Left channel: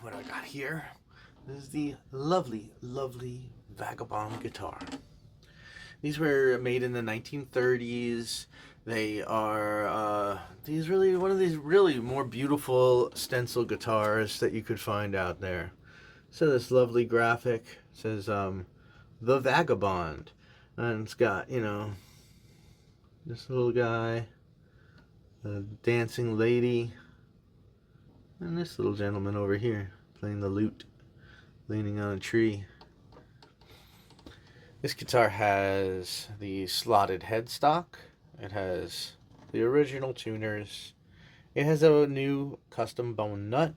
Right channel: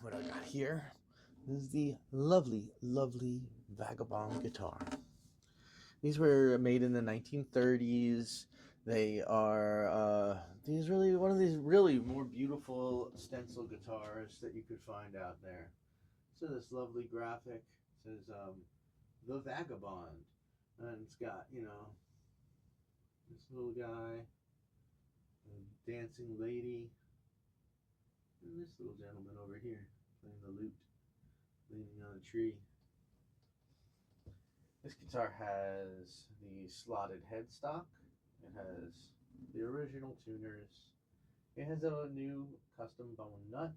what I got here. This is the lovely, lovely Vagabond guitar. These were made in the 1930s. They are these really one of these really more beautiful stencil guitars that you could find out there. So this lovely graphic says the Vagabond, and it's got this little guy, a dancing lady, and this little gentleman over here playing the lute, leaning on a tree. This guitar has the slotted headstock. It has the original tuners. It has a new custom bone nut.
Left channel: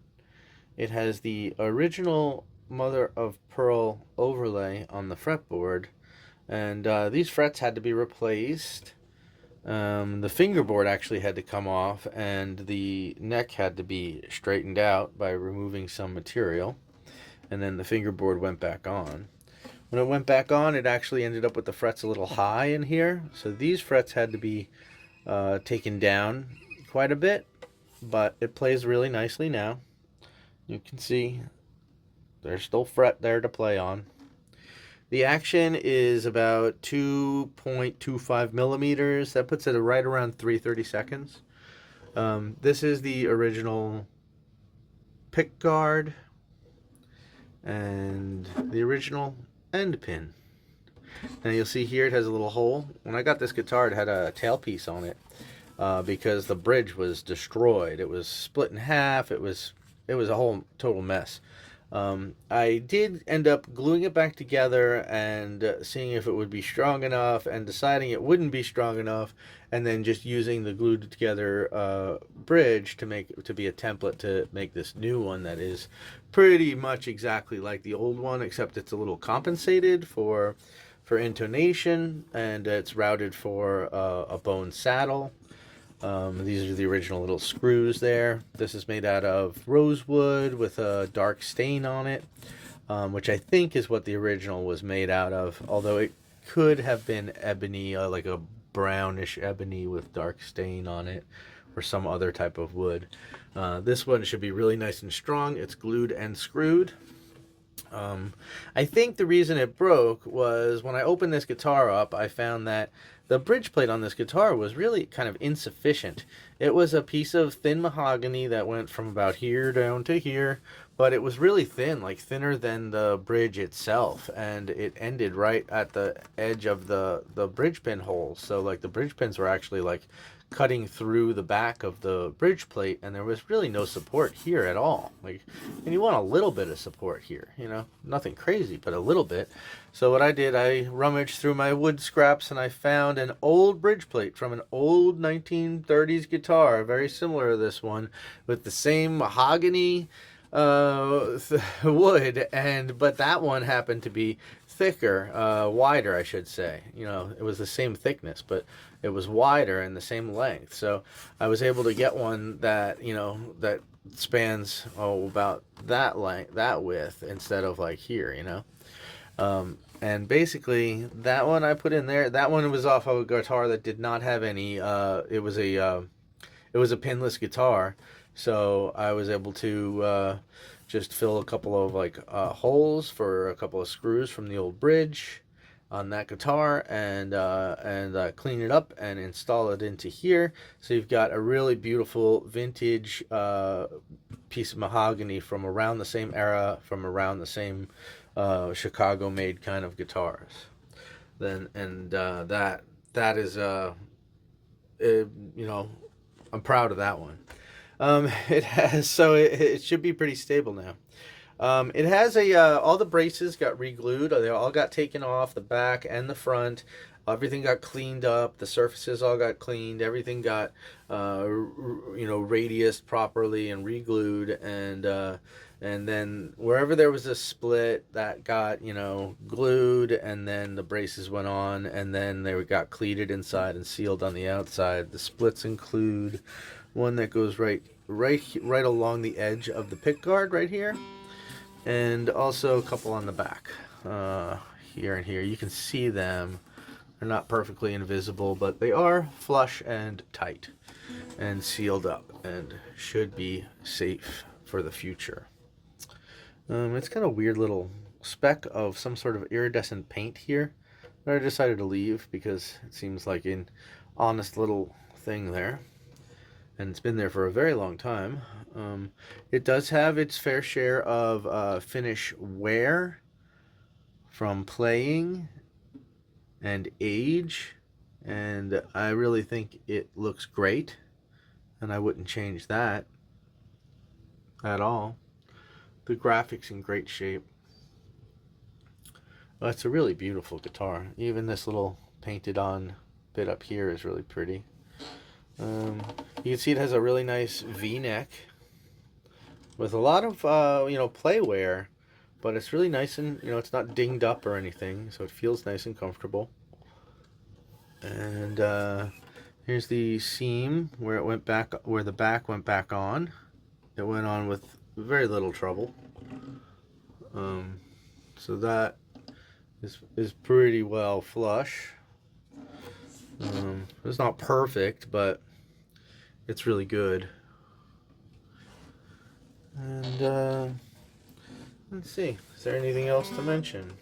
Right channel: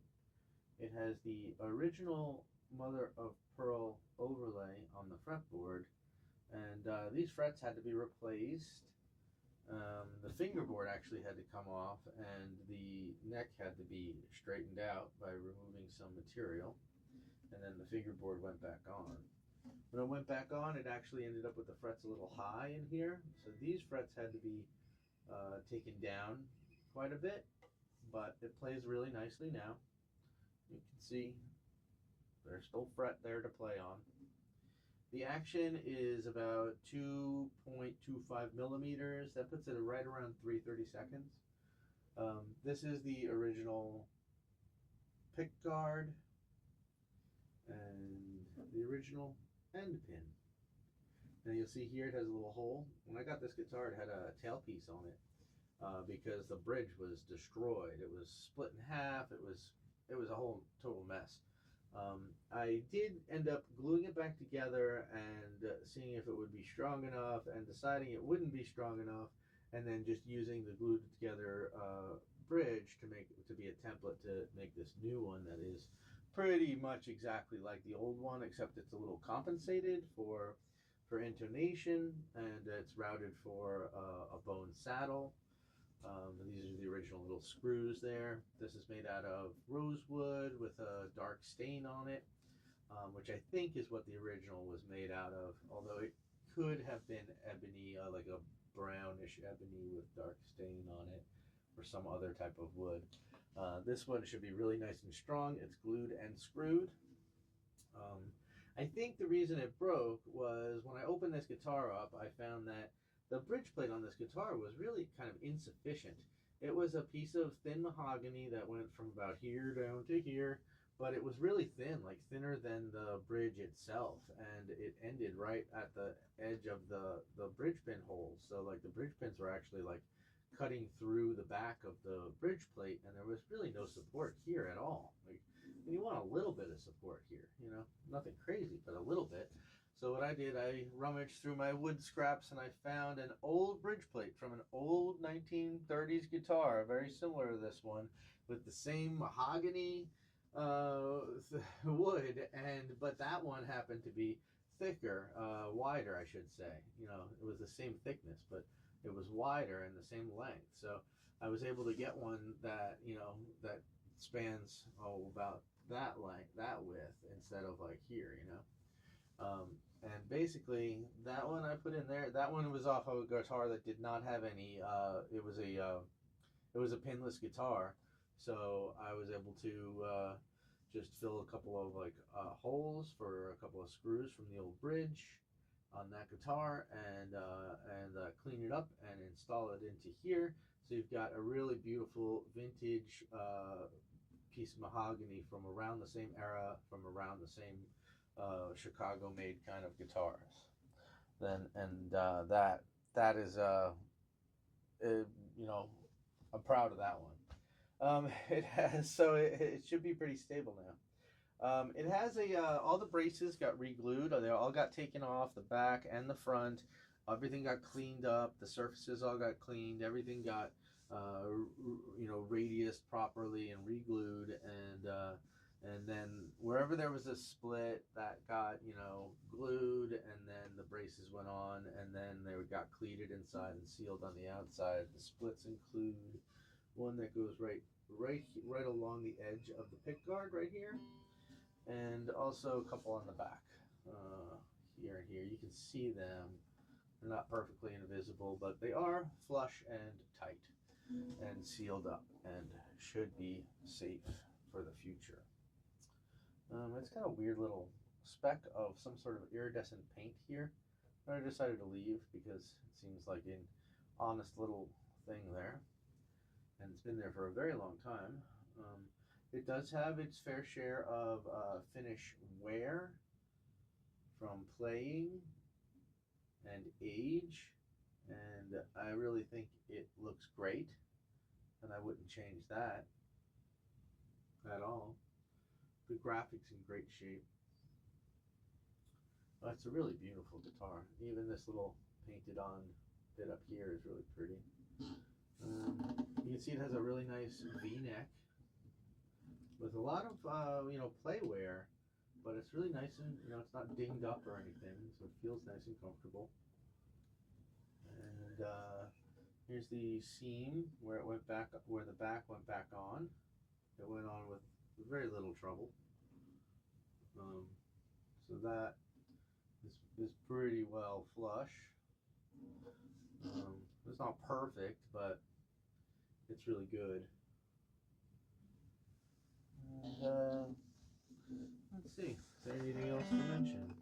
It has the original mother of pearl overlay on the fretboard. And these frets had to be replaced. The fingerboard actually had to come off, and the neck had to be straightened out by removing some material. And then the fingerboard went back on. When it went back on, it actually ended up with the frets a little high in here. So these frets had to be taken down quite a bit, but it plays really nicely now. You can see there's still fret there to play on. The action is about 2.25 millimeters. That puts it right around 3/32. This is the original pickguard and the original end pin. Now you'll see here it has a little hole. When I got this guitar, it had a tailpiece on it because the bridge was destroyed. It was split in half. It was a whole total mess. I did end up gluing it back together and seeing if it would be strong enough, and deciding it wouldn't be strong enough, and then just using the glued together bridge to be a template to make this new one that is pretty much exactly like the old one, except it's a little compensated for intonation, and it's routed for a bone saddle. These are the original little screws there. This is made out of rosewood with a dark stain on it, which I think is what the original was made out of, although it could have been ebony, like a brownish ebony with dark stain on it, or some other type of wood. This one should be really nice and strong. It's glued and screwed. I think the reason it broke was when I opened this guitar up, I found that the bridge plate on this guitar was really kind of insufficient. It was a piece of thin mahogany that went from about here down to here, but it was really thin, like thinner than the bridge itself, and it ended right at the edge of the bridge pin hole. So like the bridge pins were actually like cutting through the back of the bridge plate, and there was really no support here at all. Like, and you want a little bit of support here, nothing crazy, but a little bit. So what I did, I rummaged through my wood scraps, and I found an old bridge plate from an old 1930s guitar, very similar to this one, with the same mahogany wood, but that one happened to be thicker, wider, I should say. It was the same thickness, but it was wider and the same length. So I was able to get one that that spans about that length, that width, instead of like here. And basically that one I put in there. That one was off of a guitar that did not have any. It was a pinless guitar, so I was able to just fill a couple of holes for a couple of screws from the old bridge on that guitar, and clean it up and install it into here. So you've got a really beautiful vintage piece of mahogany from around the same era, from around the same Chicago-made kind of guitars. That is I'm proud of that one. It should be pretty stable now. It has all the braces got reglued. They all got taken off, the back and the front. Everything got cleaned up. The surfaces all got cleaned. Everything got radiused properly and reglued, and then wherever there was a split, that got glued, and then the braces went on, and then they got cleated inside and sealed on the outside. The splits include one that goes right along the edge of the pickguard right here, and also a couple on the back, here and here. You can see them. They're not perfectly invisible, but they are flush and tight and sealed up and should be safe for the future. It's got a weird little speck of some sort of iridescent paint here that I decided to leave because it seems like an honest little thing there, and it's been there for a very long time. It does have its fair share of finish wear from playing and age, and I really think it looks great, and I wouldn't change that at all. The graphics in great shape. It's a really beautiful guitar. Even this little painted on bit up here is really pretty. You can see it has a really nice V-neck with a lot of play wear, but it's really nice and it's not dinged up or anything, so it feels nice and comfortable. And here's the seam where it went back, where the back went back on. It went on with very little trouble. So that is pretty well flush. It's not perfect, but it's really good. And let's see, is there anything else to mention?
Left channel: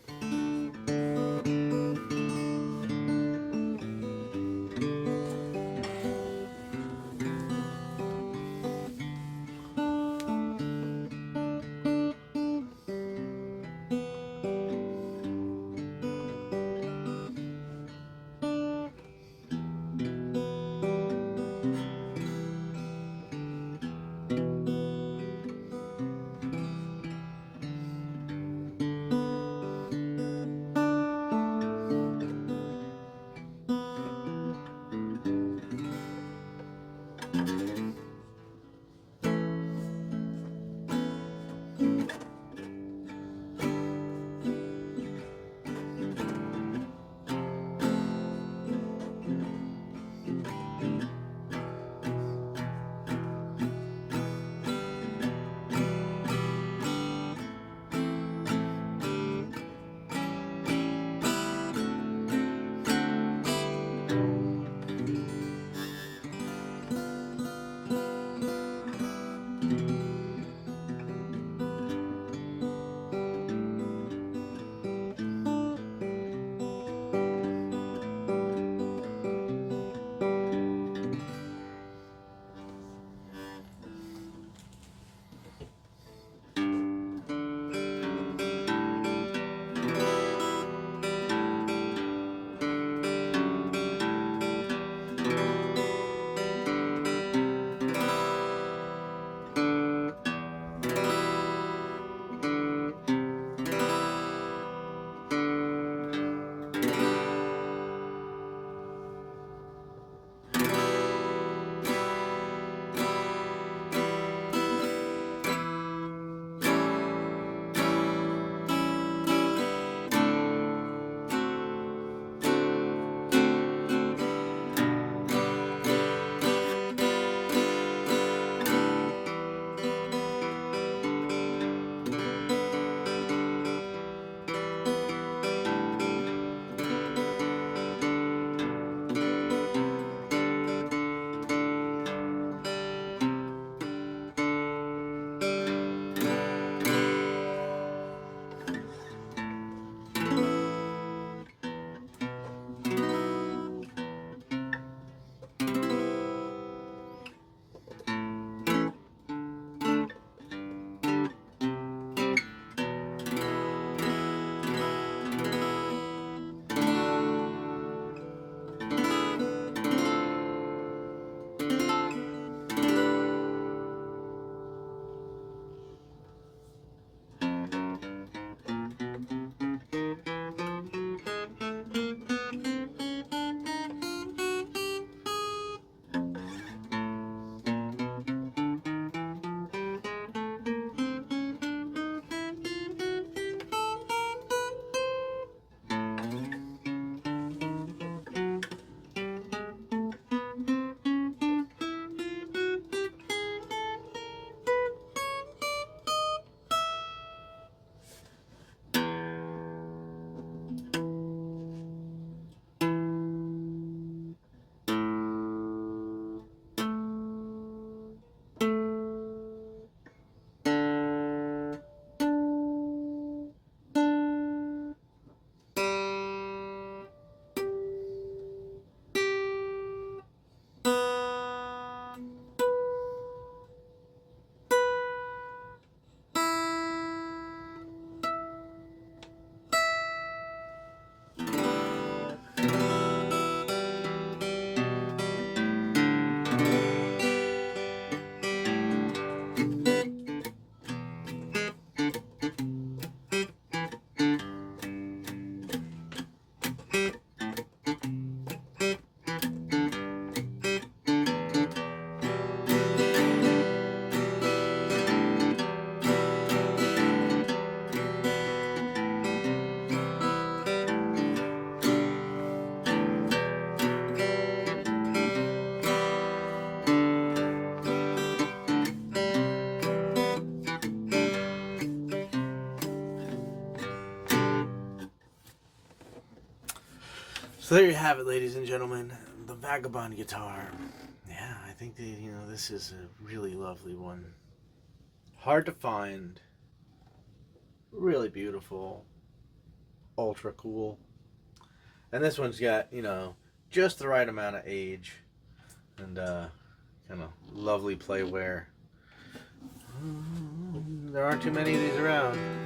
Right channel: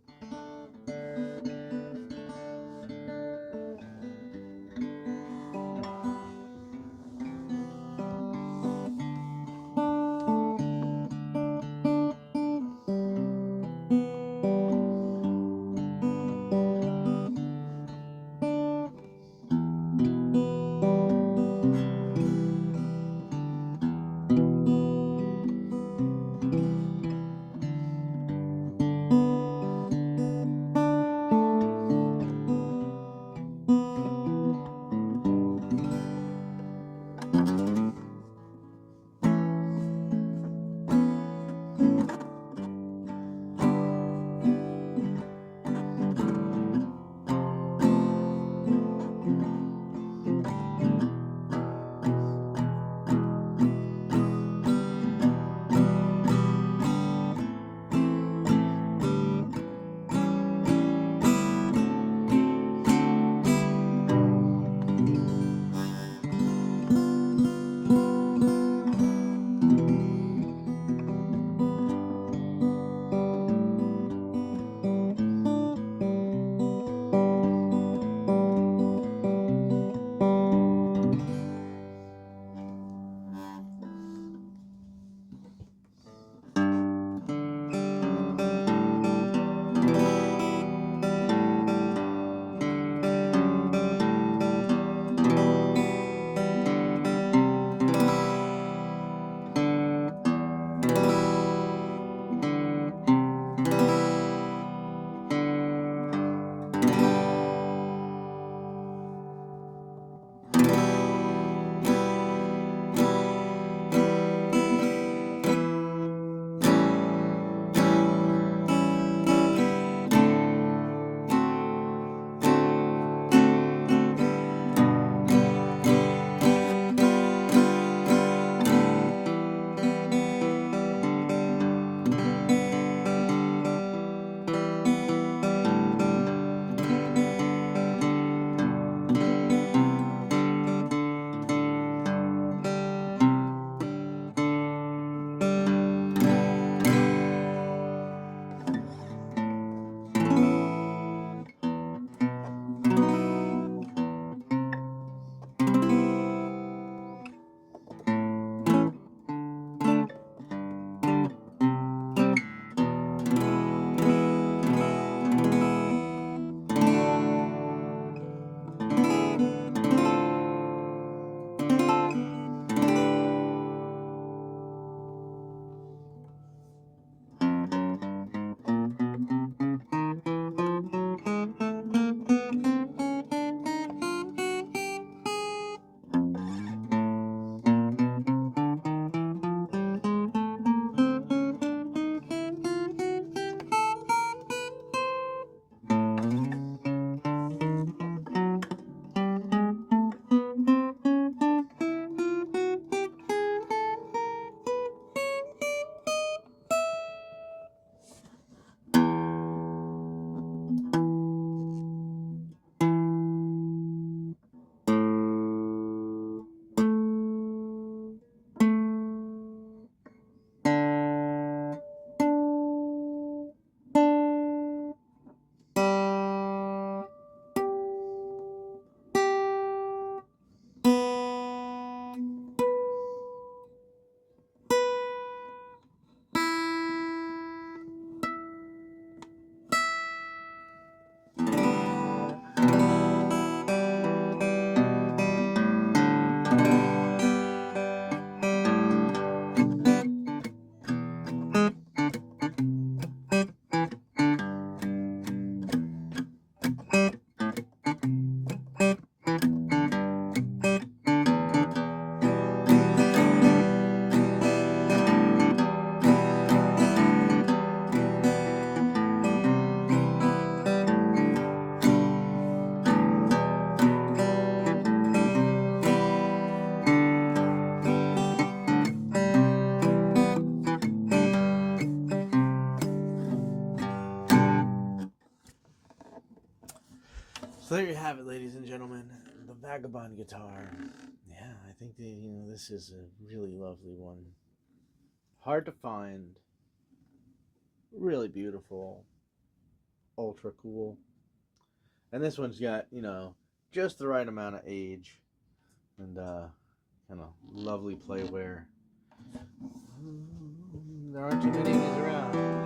So there you have it, ladies and gentlemen, the Vagabond guitar. Yeah, I think that, this is a really lovely one. Hard to find. Really beautiful. Ultra cool. And this one's got, just the right amount of age and kind of lovely play wear. There aren't too many of these around.